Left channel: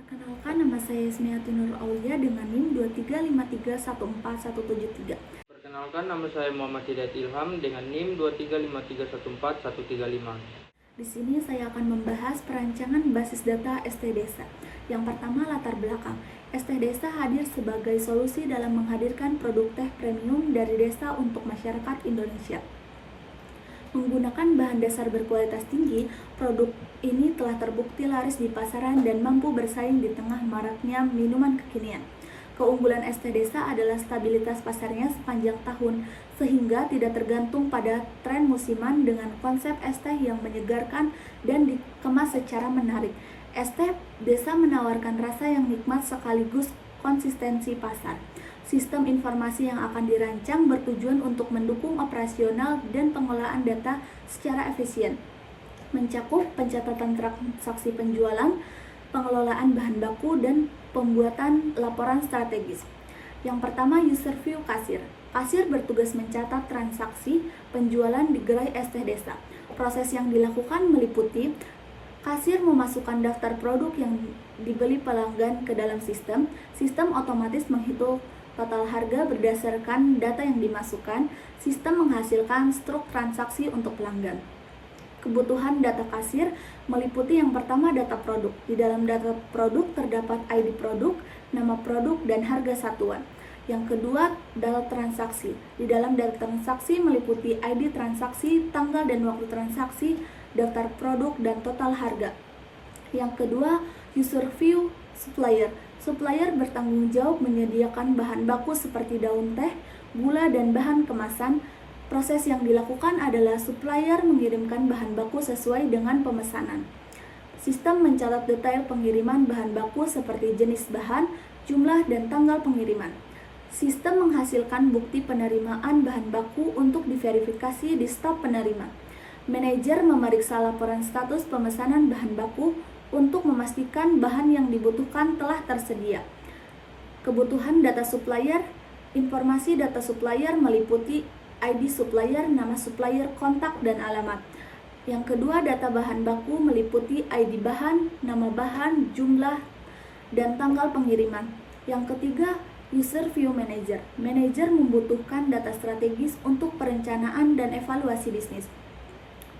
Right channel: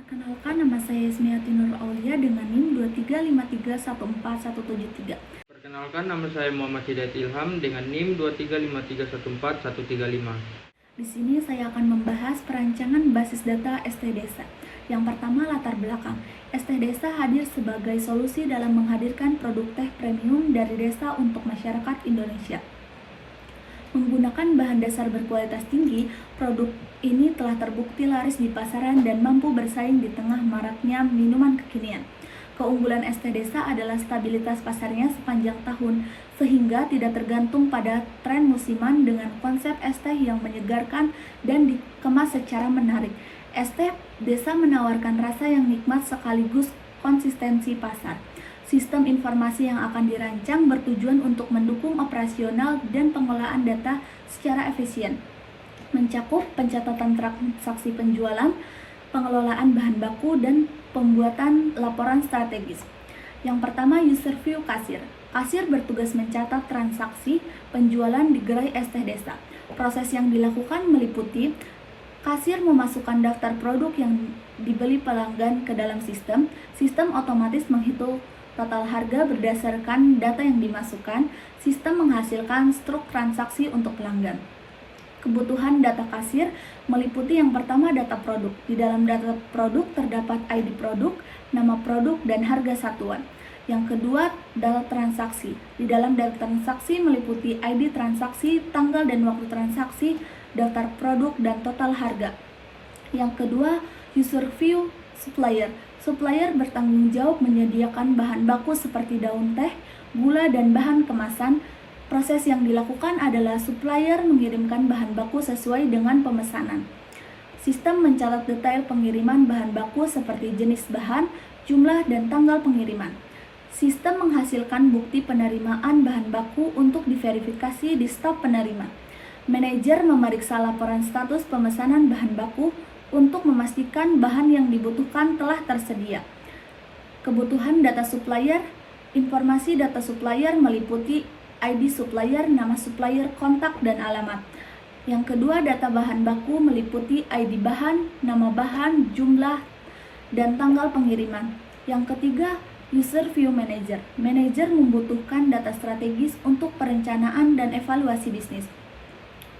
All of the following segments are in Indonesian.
Perkenalkan, nama saya Ismiati Nur Aulia dengan NIM 2353141173. Perkenalkan, nama saya Muhammad Hidayat Ilham dengan NIM 2353141135. Di sini saya akan membahas perancangan basis data ST Desa. Yang pertama, latar belakang. ST Desa hadir sebagai solusi dalam menghadirkan produk teh premium dari desa untuk masyarakat Indonesia. Menggunakan bahan dasar berkualitas tinggi, produk ini telah terbukti laris di pasaran dan mampu bersaing di tengah maraknya minuman kekinian. Keunggulan ST Desa adalah stabilitas pasarnya sepanjang tahun, sehingga tidak tergantung pada tren musiman dengan konsep ST yang menyegarkan dan dikemas secara menarik. ST Desa menawarkan rasa yang nikmat sekaligus konsistensi pasar. Sistem informasi yang akan dirancang bertujuan untuk mendukung operasional dan pengolahan data secara efisien, mencakup pencatatan transaksi penjualan, pengelolaan bahan baku, dan pembuatan laporan strategis. Yang pertama, user view kasir. Kasir bertugas mencatat transaksi penjualan di gerai ST Desa. Proses yang dilakukan meliputi kasir memasukkan daftar produk yang dibeli pelanggan ke dalam sistem. Sistem otomatis menghitung total harga berdasarkan data yang dimasukkan. Sistem menghasilkan struk transaksi untuk pelanggan. Kebutuhan data kasir meliputi yang pertama data produk. Di dalam data produk terdapat ID produk, nama produk, dan harga satuan. Yang kedua, data transaksi. Di dalam data transaksi meliputi ID transaksi, tanggal dan waktu transaksi, daftar produk, dan total harga. Yang kedua, user view supplier. Supplier bertanggung jawab menyediakan bahan baku seperti daun teh, gula, dan bahan kemasan. Proses yang dilakukan adalah supplier mengirimkan bahan baku sesuai dengan pemesanan. Sistem mencatat detail pengiriman bahan baku seperti jenis bahan, jumlah, dan tanggal pengiriman. Sistem menghasilkan bukti penerimaan bahan baku untuk diverifikasi di stop penerima. Manajer memeriksa laporan status pemesanan bahan baku untuk memastikan bahan yang dibutuhkan telah tersedia. Kebutuhan data supplier. Informasi data supplier meliputi ID supplier, nama supplier, kontak, dan alamat. Yang kedua, data bahan baku meliputi ID bahan, nama bahan, jumlah, dan tanggal pengiriman. Yang ketiga, user view manager. Manager membutuhkan data strategis untuk perencanaan dan evaluasi bisnis.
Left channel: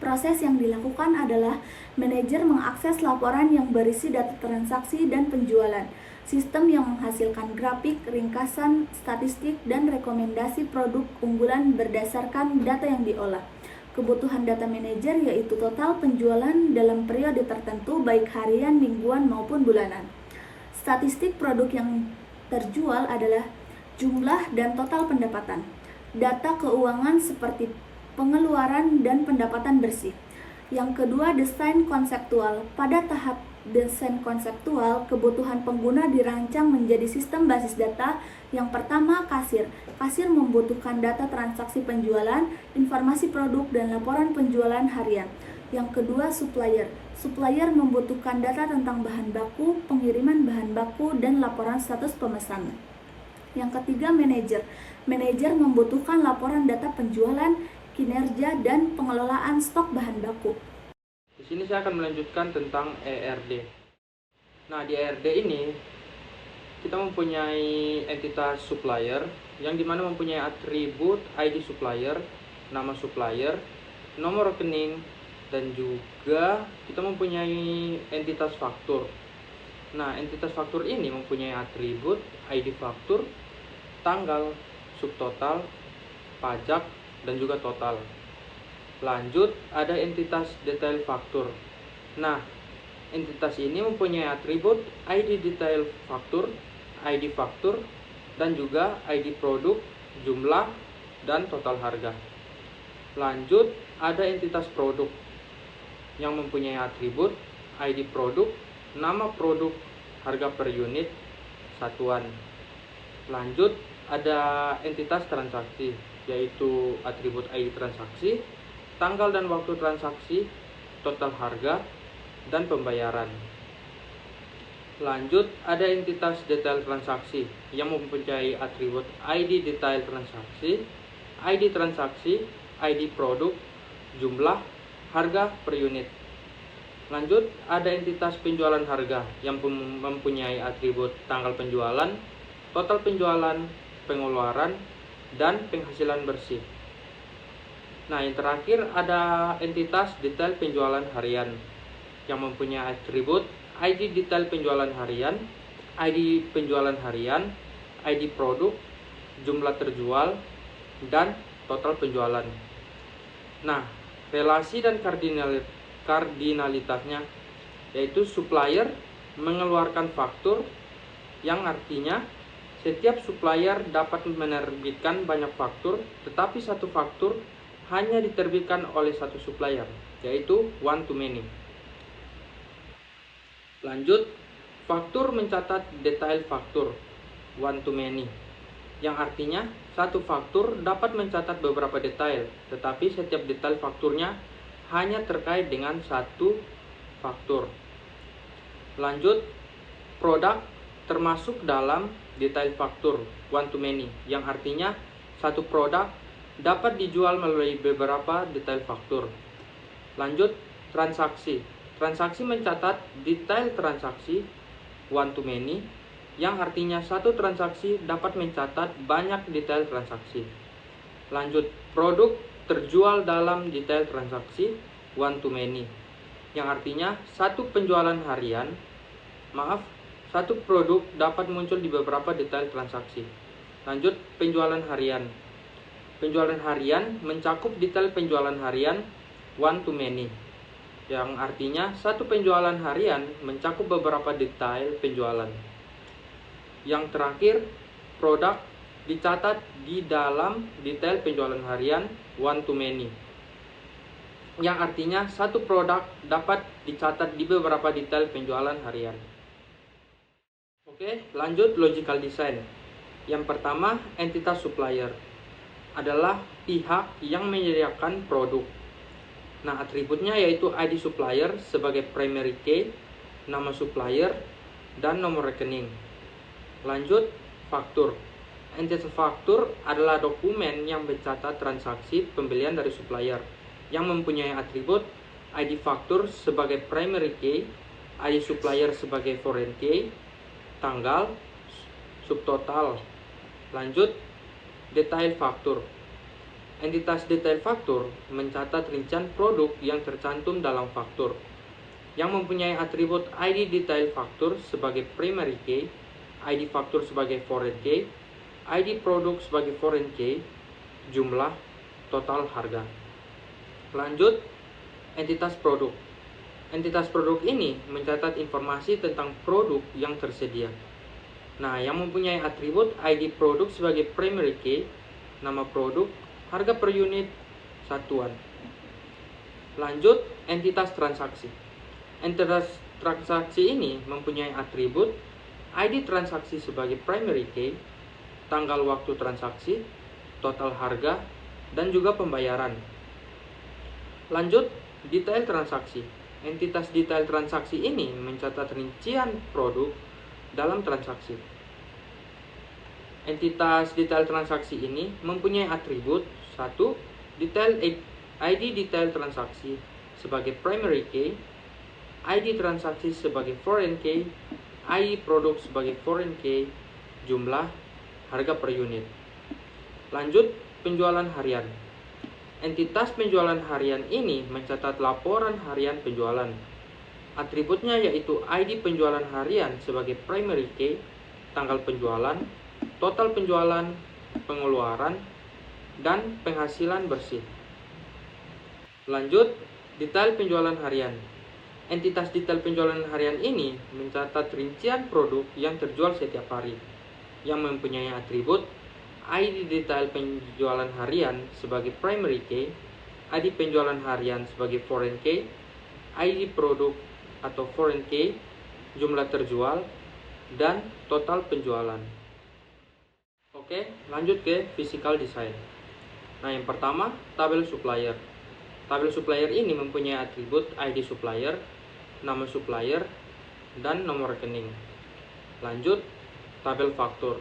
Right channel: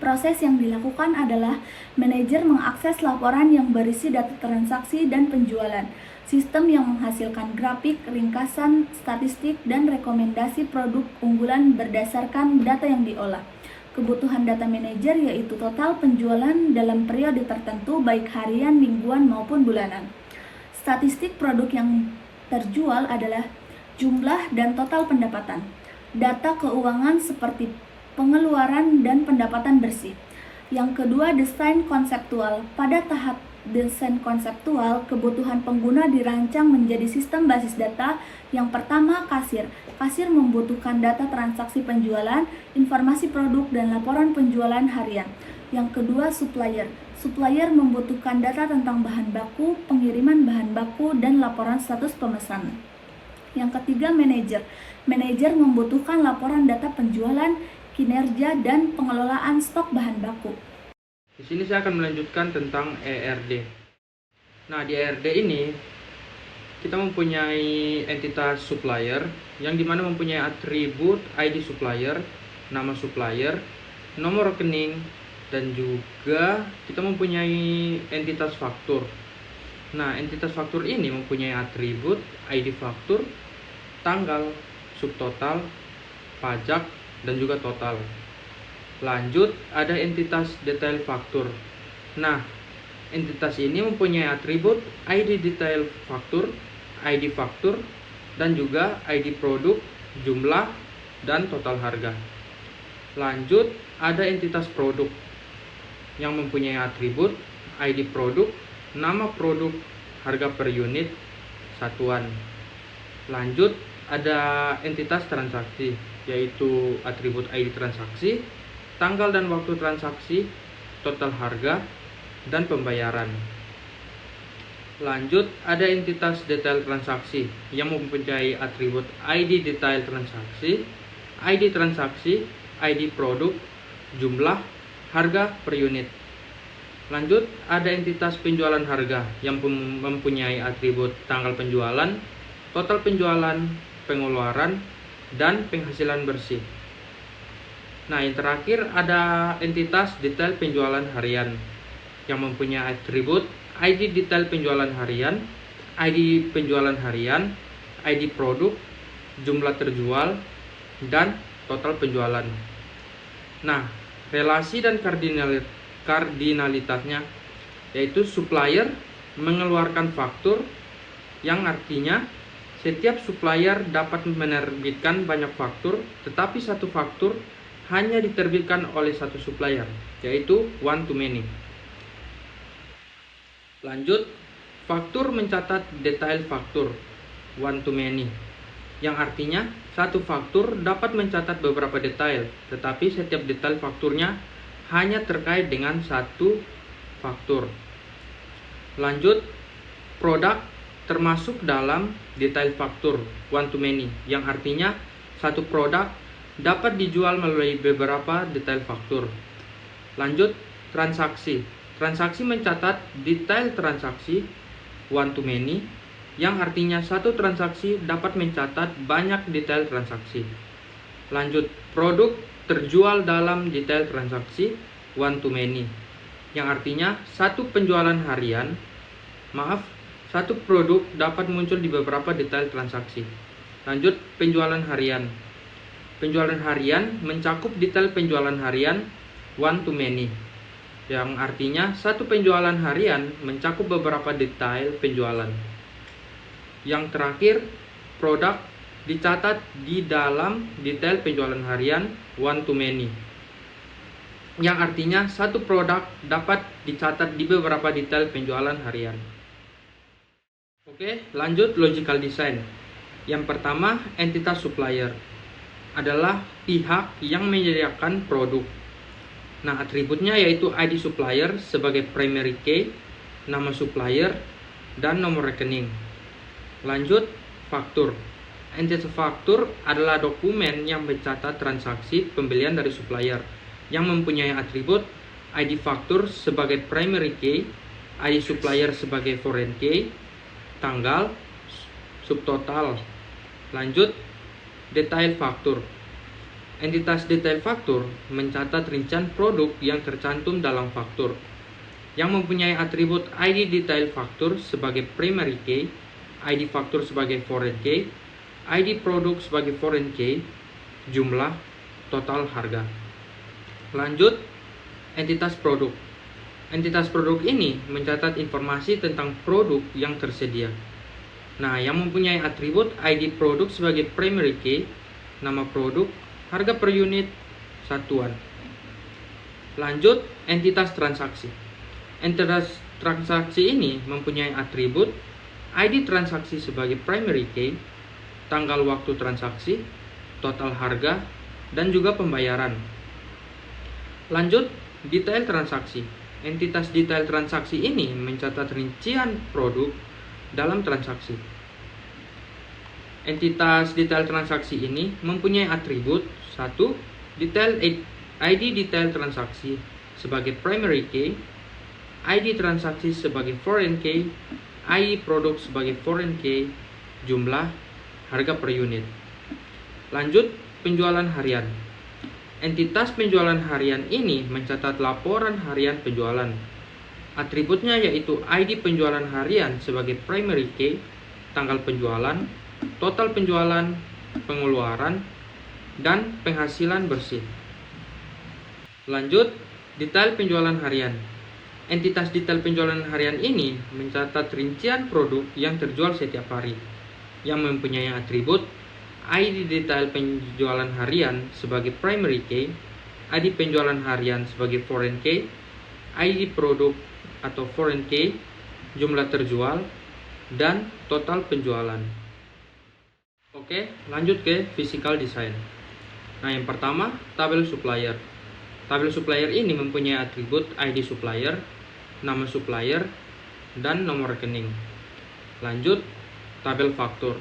Proses yang dilakukan adalah manajer mengakses laporan yang berisi data transaksi dan penjualan. Sistem yang menghasilkan grafik, ringkasan, statistik, dan rekomendasi produk unggulan berdasarkan data yang diolah. Kebutuhan data manajer yaitu total penjualan dalam periode tertentu baik harian, mingguan, maupun bulanan. Statistik produk yang terjual adalah jumlah dan total pendapatan. Data keuangan seperti pengeluaran dan pendapatan bersih. Yang kedua, desain konseptual. Pada tahap desain konseptual, kebutuhan pengguna dirancang menjadi sistem basis data. Yang pertama, kasir. Kasir membutuhkan data transaksi penjualan, informasi produk, dan laporan penjualan harian. Yang kedua, supplier. Supplier membutuhkan data tentang bahan baku, pengiriman bahan baku, dan laporan status pemesanan. Yang ketiga, manajer. Manajer membutuhkan laporan data penjualan, kinerja, dan pengelolaan stok bahan baku. Di sini saya akan melanjutkan tentang ERD. Nah, di ERD ini kita mempunyai entitas supplier yang dimana mempunyai atribut ID supplier, nama supplier, nomor rekening, dan juga kita mempunyai entitas faktur. Nah, entitas faktur ini mempunyai atribut ID faktur, tanggal, subtotal, pajak, dan juga total. Lanjut, ada entitas detail faktur. Nah, entitas ini mempunyai atribut ID detail faktur, ID faktur, dan juga ID produk, jumlah, dan total harga. Lanjut, ada entitas produk yang mempunyai atribut ID produk, nama produk, harga per unit, satuan. Lanjut, ada entitas transaksi, yaitu atribut ID transaksi, tanggal dan waktu transaksi, total harga, dan pembayaran. Lanjut, ada entitas detail transaksi yang mempunyai atribut ID detail transaksi, ID produk, jumlah, harga per unit. Lanjut, ada entitas penjualan harga yang mempunyai atribut tanggal penjualan, total penjualan, pengeluaran, dan penghasilan bersih. Nah, yang terakhir ada entitas detail penjualan harian yang mempunyai atribut ID detail penjualan harian, ID penjualan harian, ID produk, jumlah terjual, dan total penjualan. Nah, relasi dan kardinalitasnya yaitu supplier mengeluarkan faktur, yang artinya setiap supplier dapat menerbitkan banyak faktur, tetapi satu faktur hanya diterbitkan oleh satu supplier, yaitu one to many. Lanjut, faktur mencatat detail faktur one to many, yang artinya satu faktur dapat mencatat beberapa detail, tetapi setiap detail fakturnya hanya terkait dengan satu faktur. Lanjut, produk termasuk dalam detail faktur one to many, yang artinya satu produk dapat dijual melalui beberapa detail faktur. Lanjut, transaksi. Transaksi mencatat detail transaksi one to many, yang artinya satu transaksi dapat mencatat banyak detail transaksi. Lanjut, produk terjual dalam detail transaksi one to many, yang artinya satu produk dapat muncul di beberapa detail transaksi. Lanjut, penjualan harian. Penjualan harian mencakup detail penjualan harian one to many, yang artinya satu penjualan harian mencakup beberapa detail penjualan. Yang terakhir, produk dicatat di dalam detail penjualan harian one to many, yang artinya satu produk dapat dicatat di beberapa detail penjualan harian. Oke, lanjut logical design. Yang pertama, entitas supplier adalah pihak yang menyediakan produk. Nah, atributnya yaitu ID supplier sebagai primary key, nama supplier, dan nomor rekening. Lanjut, faktur. Entitas faktur adalah dokumen yang mencatat transaksi pembelian dari supplier yang mempunyai atribut ID faktur sebagai primary key, ID supplier sebagai foreign key, tanggal, subtotal. Lanjut, detail faktur. Entitas detail faktur mencatat rincian produk yang tercantum dalam faktur, yang mempunyai atribut ID detail faktur sebagai primary key, ID faktur sebagai foreign key, ID produk sebagai foreign key, jumlah, total harga. Lanjut, entitas produk. Entitas produk ini mencatat informasi tentang produk yang tersedia. Nah, yang mempunyai atribut ID produk sebagai primary key, nama produk, harga per unit, satuan. Lanjut, entitas transaksi. Entitas transaksi ini mempunyai atribut ID transaksi sebagai primary key, tanggal waktu transaksi, total harga, dan juga pembayaran. Lanjut, detail transaksi. Entitas detail transaksi ini mencatat rincian produk dalam transaksi. Entitas detail transaksi ini mempunyai atribut 1. ID detail transaksi sebagai primary key, ID transaksi sebagai foreign key, ID produk sebagai foreign key, jumlah, harga per unit. Lanjut, penjualan harian. Entitas penjualan harian ini mencatat laporan harian penjualan. Atributnya yaitu ID penjualan harian sebagai primary key, tanggal penjualan, total penjualan, pengeluaran, dan penghasilan bersih. Lanjut, detail penjualan harian. Entitas detail penjualan harian ini mencatat rincian produk yang terjual setiap hari, yang mempunyai atribut ID detail penjualan harian sebagai primary key, ID penjualan harian sebagai foreign key, ID produk atau foreign key, jumlah terjual, dan total penjualan. Oke, lanjut ke physical design. Nah, yang pertama, tabel supplier. Tabel supplier ini mempunyai atribut ID supplier, nama supplier, dan nomor rekening. Lanjut, tabel faktur.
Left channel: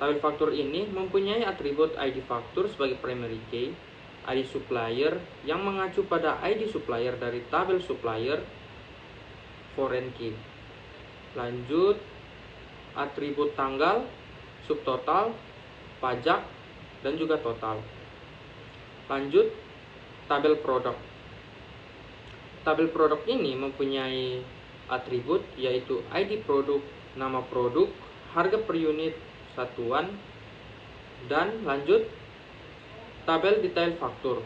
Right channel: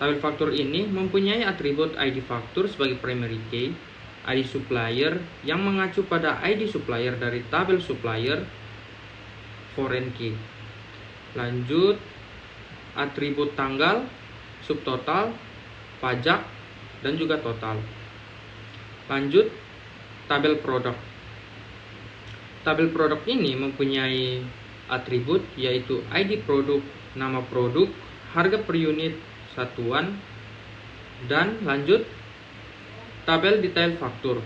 Tabel faktur ini mempunyai atribut ID faktur sebagai primary key, ID supplier yang mengacu pada ID supplier dari tabel supplier, foreign key. Lanjut, atribut tanggal, subtotal, pajak, dan juga total. Lanjut, tabel produk. Tabel produk ini mempunyai atribut yaitu ID produk, nama produk, harga per unit satuan, dan lanjut, tabel detail faktur.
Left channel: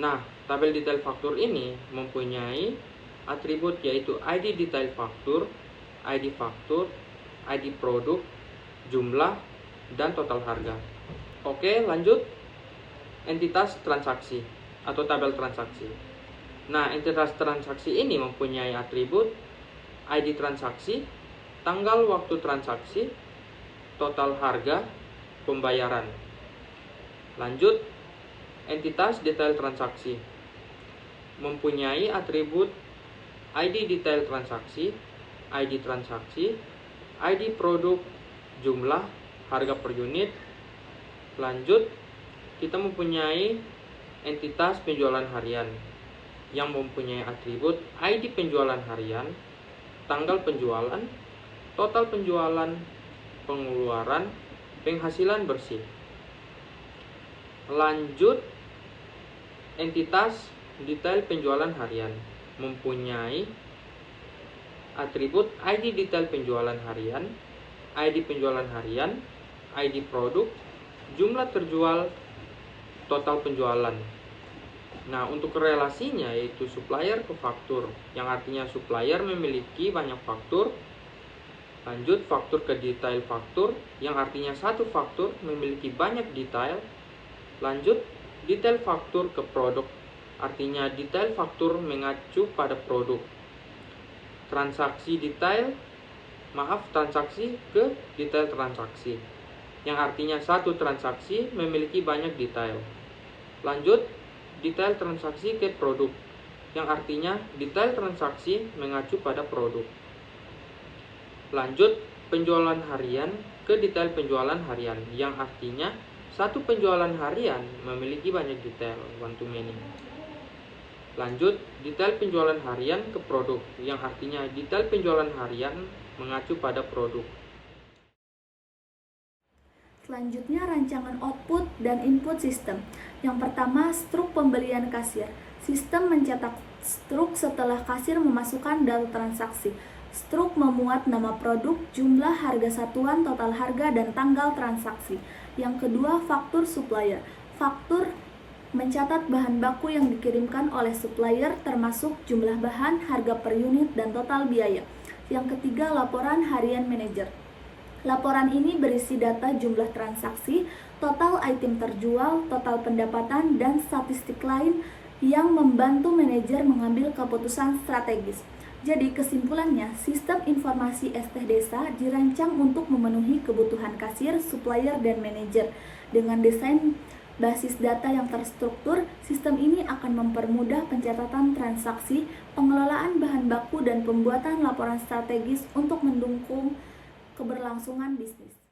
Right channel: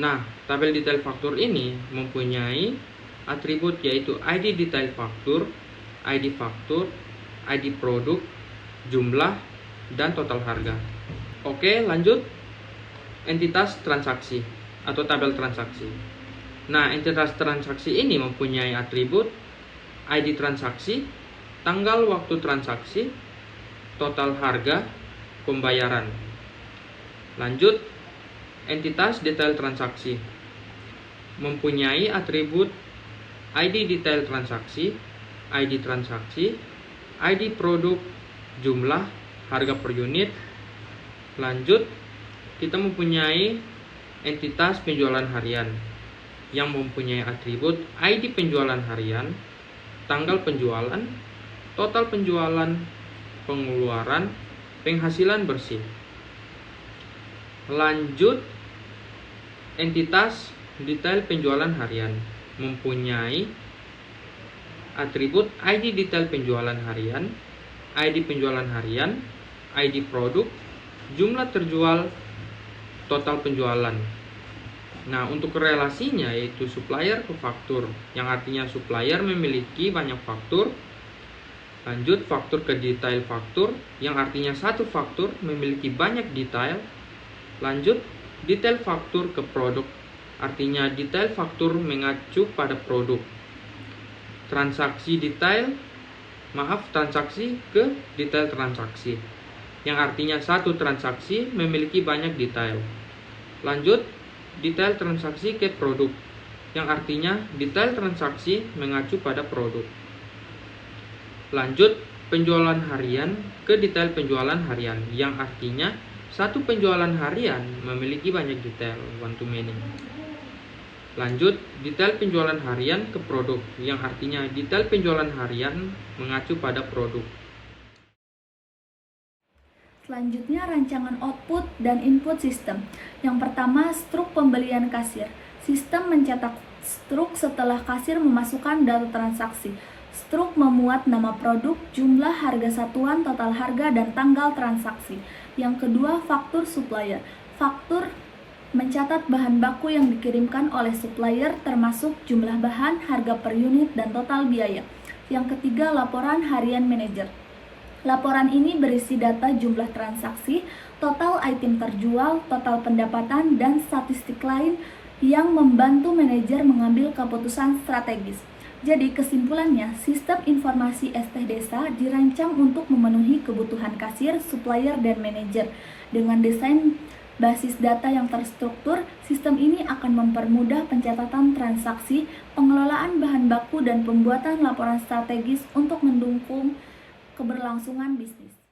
Nah, tabel detail faktur ini mempunyai atribut yaitu ID detail faktur, ID faktur, ID produk, jumlah, dan total harga. Oke, lanjut, entitas transaksi atau tabel transaksi. Nah, entitas transaksi ini mempunyai atribut ID transaksi, tanggal waktu transaksi, total harga, pembayaran. Lanjut, entitas detail transaksi mempunyai atribut ID detail transaksi, ID transaksi, ID produk, jumlah, harga per unit. Lanjut, kita mempunyai entitas penjualan harian yang mempunyai atribut ID penjualan harian, tanggal penjualan, total penjualan, pengeluaran, penghasilan bersih. Lanjut, entitas detail penjualan harian mempunyai atribut ID detail penjualan harian, ID penjualan harian, ID produk, jumlah terjual, total penjualan. Nah, untuk relasinya yaitu supplier ke faktur, yang artinya supplier memiliki banyak faktur. Lanjut, faktur ke detail faktur, yang artinya satu faktur memiliki banyak detail. Lanjut, detail faktur ke produk, artinya detail faktur mengacu pada produk. Transaksi ke detail transaksi, yang artinya satu transaksi memiliki banyak detail. Lanjut, detail transaksi ke produk, yang artinya detail transaksi mengacu pada produk. Lanjut, penjualan harian ke detail penjualan harian, yang artinya satu penjualan harian memiliki banyak detail, one to many. Lanjut, detail penjualan harian ke produk, yang artinya detail penjualan harian mengacu pada produk. Selanjutnya, rancangan output dan input sistem. Yang pertama, struk pembelian kasir. Sistem mencetak struk setelah kasir memasukkan data transaksi. Struk memuat nama produk, jumlah, harga satuan, total harga, dan tanggal transaksi. Yang kedua, faktur supplier. Faktur mencatat bahan baku yang dikirimkan oleh supplier termasuk jumlah bahan, harga per unit, dan total biaya. Yang ketiga, laporan harian manajer. Laporan ini berisi data jumlah transaksi, total item terjual, total pendapatan, dan statistik lain yang membantu manajer mengambil keputusan strategis. Jadi kesimpulannya, sistem informasi ST Desa dirancang untuk memenuhi kebutuhan kasir, supplier, dan manajer. Dengan desain basis data yang terstruktur, sistem ini akan mempermudah pencatatan transaksi, pengelolaan bahan baku, dan pembuatan laporan strategis untuk mendukung keberlangsungan bisnis.